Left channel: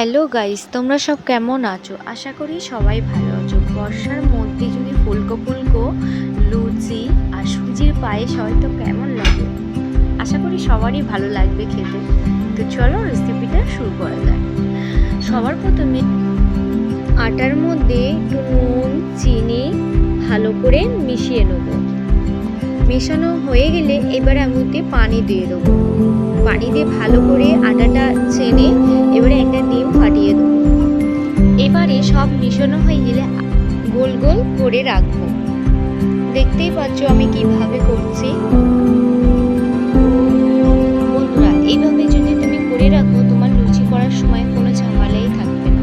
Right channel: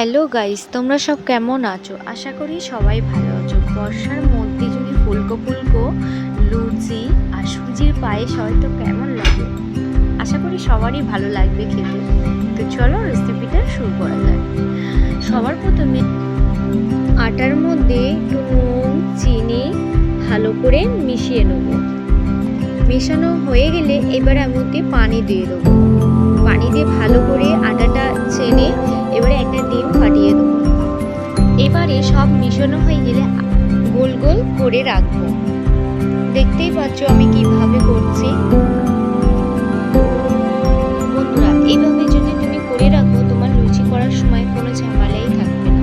Hello guys, তোমরা সব কেমন আছো? আশা করি সবাই ভালো আছো। বর্ষার মধ্যে যদি ফুলকো ফুলকো লুচি আর সুজির পায়েস হয় তো কেমন লাগে? আশা করি সবারই ভালো লাগবে খেতে। তো চলো রেসিপিটা শুরু করা যায়। সবার প্রথমে আটার মধ্যে একটু নুন চিনি ভালো করে মিশিয়ে নেব। মেশানো হয়ে গেলে এবার এর মধ্যে পানি দিয়ে দেবো। পানি দিয়ে ভালো করে আটাটা ছেনে এবারে একটা ডিম ফাটিয়ে দেবো। এবারে সব মিশানো হয়ে গেলে গোল গোল করে রাখবো। দেখতেই পাচ্ছ আমি কিভাবে করছি। বন্ধুরা, এইভাবে যদি তুমি করে রাখো তোমার লুচি করার সময় কোনো ঝামেলাই থাকবে না।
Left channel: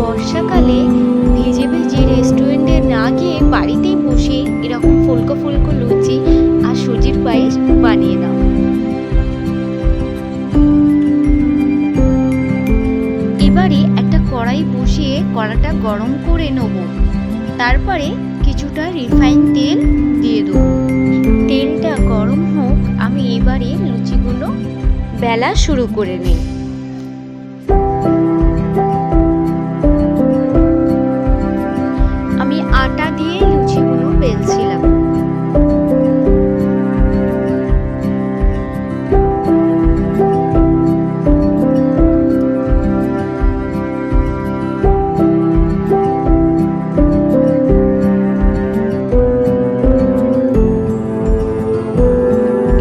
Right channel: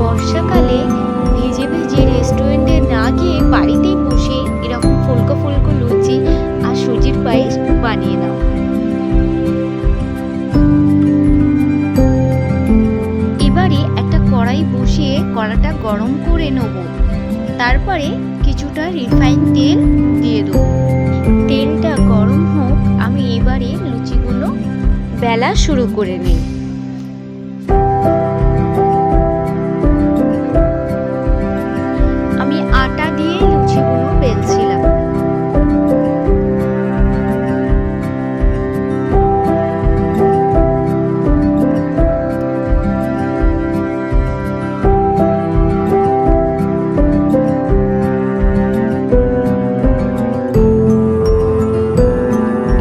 বর্ষাকালে ভেজে ভেজে রেস্টুরেন্টে না গিয়ে বাড়িতেই বসে এরকম ফুলকো ফুলকো লুচি আর সুজির পায়েস বানিয়ে নাও। এবারে একটা কড়াই বসিয়ে কড়াটা গরম করে নেব। তারপরে কিছুটা রিফাইন তেল দিয়ে দেবো। তেলটা গরম হোক, আমি এবারে লুচিগুলো বেলা শুরু করে নিই। আমি আটা দিয়ে লুচিগুলো বেলছিলাম।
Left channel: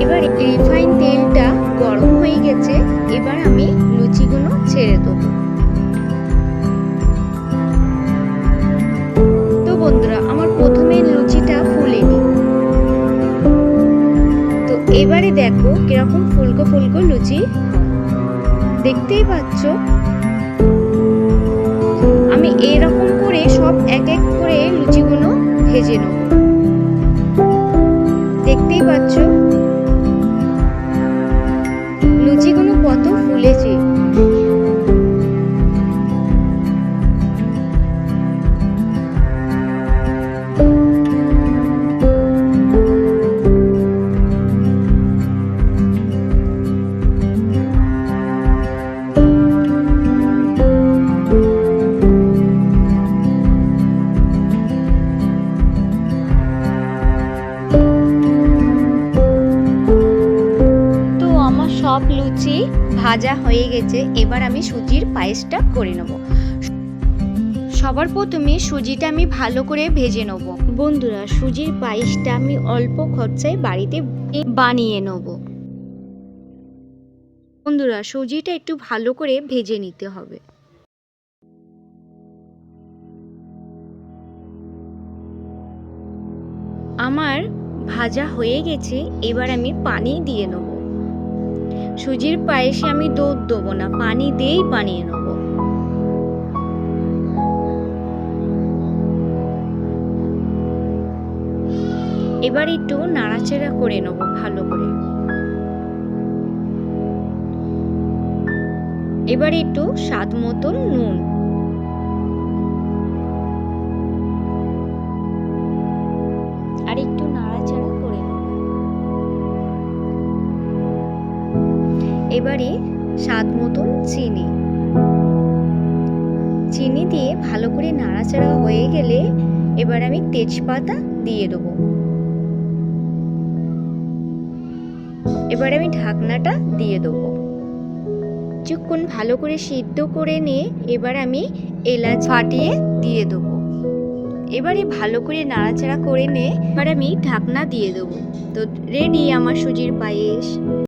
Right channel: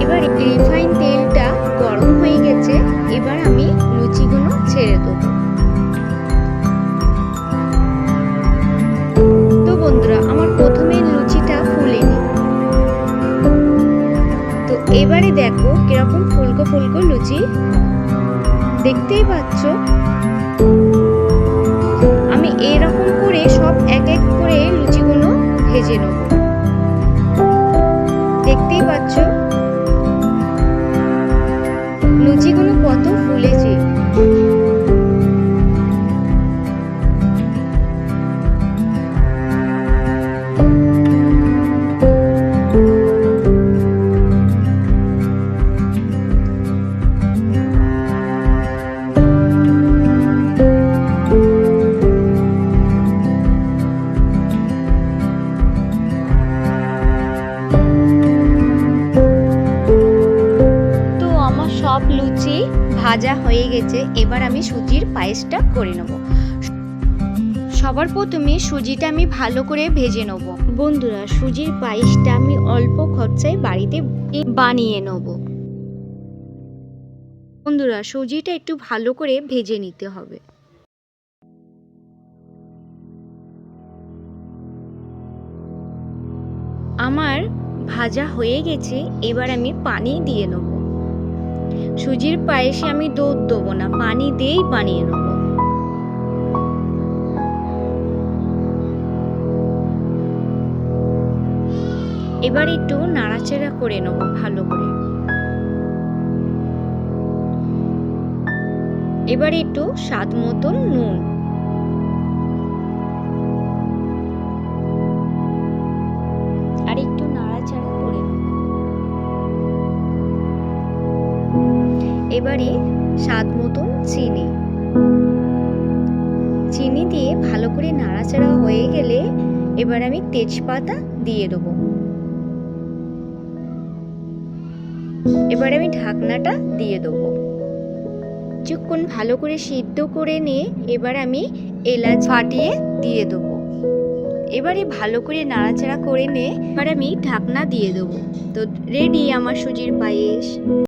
এবার রিফাইন তেলটা গরম হয়ে গেছে, এবার আমি লুচিগুলো ছেড়ে দেবো। তো বন্ধুরা, আমার প্রথমে লুচিটা ফুলেনি, তো এবারে দেখো কিরকম ফুলকো ফুলকো লুচি। দেখতেই পাচ্ছ আমি এরকম করে সব এক এক করে লুচিগুলো ভেজে নেব। দেখতেই পাচ্ছ লুচিগুলো কত ফুলেছে। আমার সব লুচি ভাজা হয়ে গেছে, এবার আমি সুজির পায়েসটা করে নেব। সবার প্রথমে সুজিটা আমি ভালো করে ভেজে নেব। বন্ধুরা, সুজির পায়েসটা আমি অল্প খরচায় বাড়িতে বানিয়ে নেব। বন্ধুরা, সুজিটা একটু ভালো করে ভেজে নিতে হবে। আমার ভাজা হয়ে গেছে, এবার আমি পানি দিয়ে নেব। সুজির পায়েসে আমি দুধ দেবো না, পানি দিয়েই বানিয়ে নেব। এবার একটু নাড়াচাড়া করে নেব ভালো করে। এবার একটু স্বাদ মতন নুন, আর একটু নাড়াচাড়া করে নেব। এবারে স্বাদ মতন চিনি দিয়ে ভালো করে নাড়াচাড়া হয়ে গেলে এবার আমি তেজপাতা দিয়ে দেবো। এবার আমি ঢাকনাটা দিয়ে দেবো। কিছুক্ষণ ভালো করে সিদ্ধ করে নিয়ে এবার আমি এলাচ ফাটিয়ে দিয়ে দেবো। এবারে ভালো করে নাড়াচাড়া করে নিয়ে এবার আমি ঢাকনা দিয়ে দেবো। তো রেডি আমার সুজির পায়েস।